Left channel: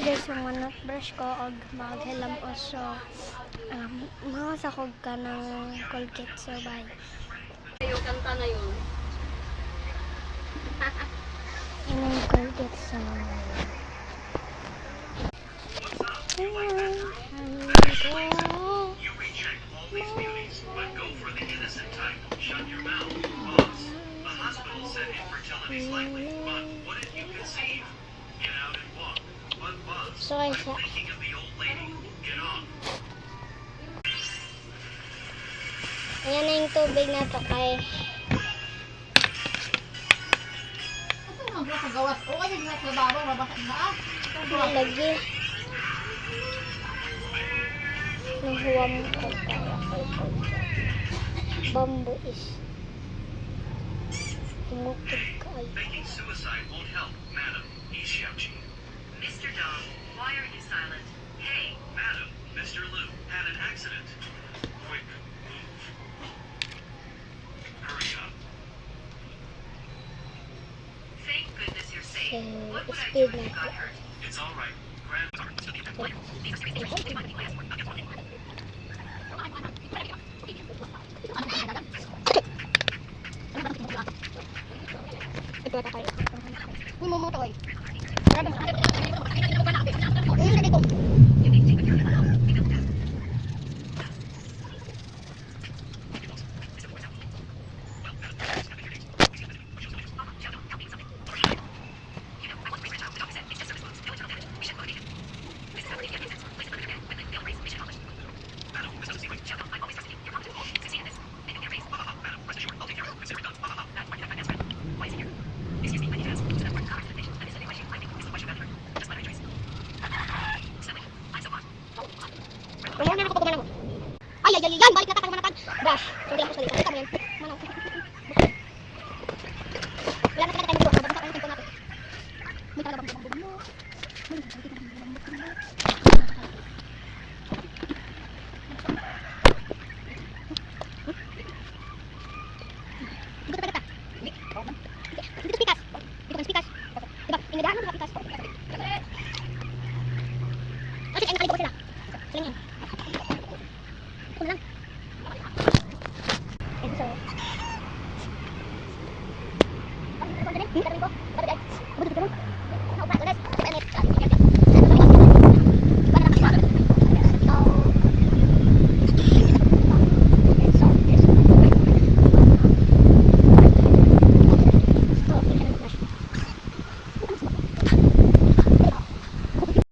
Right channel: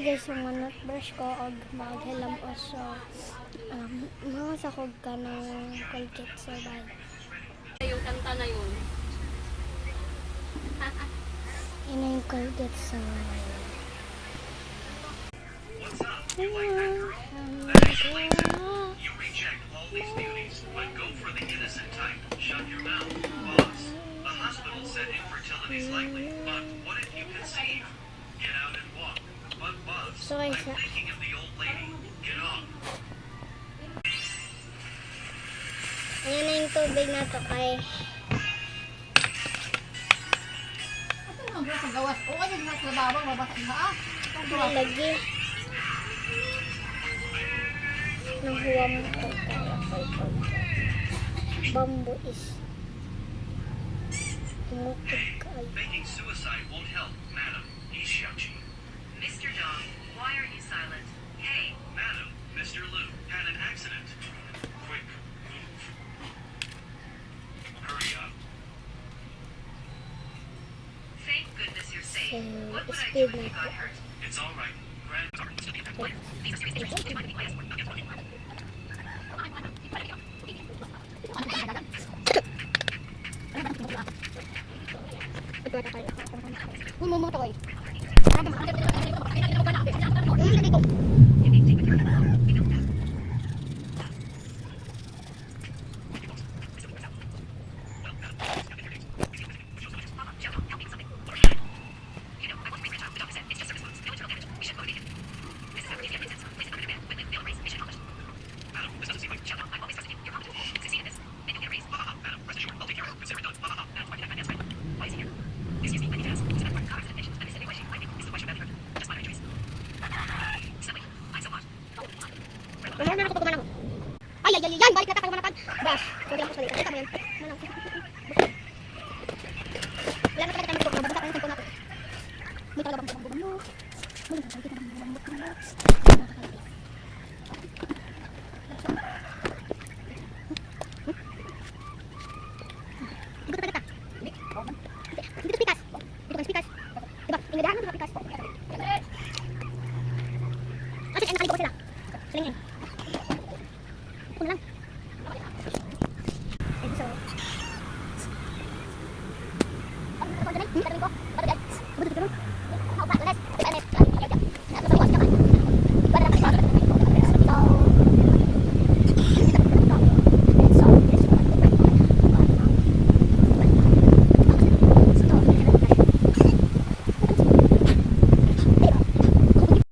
Hi guys, yung manot brush ko og maghilam oso mga sakog ka ng Colgate so bye. Yung kanta na yun. Inong Colgate so You reject all these beauties, but go for the innocent type. Shut your mouth, boss. The hospital said infertility's likely, but what if you conceive? Get out and walk. But Buzz, So, I'm Isa. thinking of the old lady. Get on. ayan na yung tubig na to kay lagi nanghuwam ko kaya kay Colgate. Bamboo is tumutog kayo. Making suicide won't help, madam. He's Xiaoqi. Mr. Dong, why are you silent? Hey, Madam, Mr. Liu had an accident. Quick, move. Hurry up. thank goodness you're safe. So, What would I speed do if you na got hurt? It's all right. Ay, ay, yan! Balik na tayo manatag! Brush! So, lang ko sa litan. Kita mo yan. Manaw. Wala na talaga tayo nito. Nabasa tayo natin. May talaga bang bambog mo. Dito pikas. Dito pikas. Diba? Inadahan mo dito pikas. Kasi ay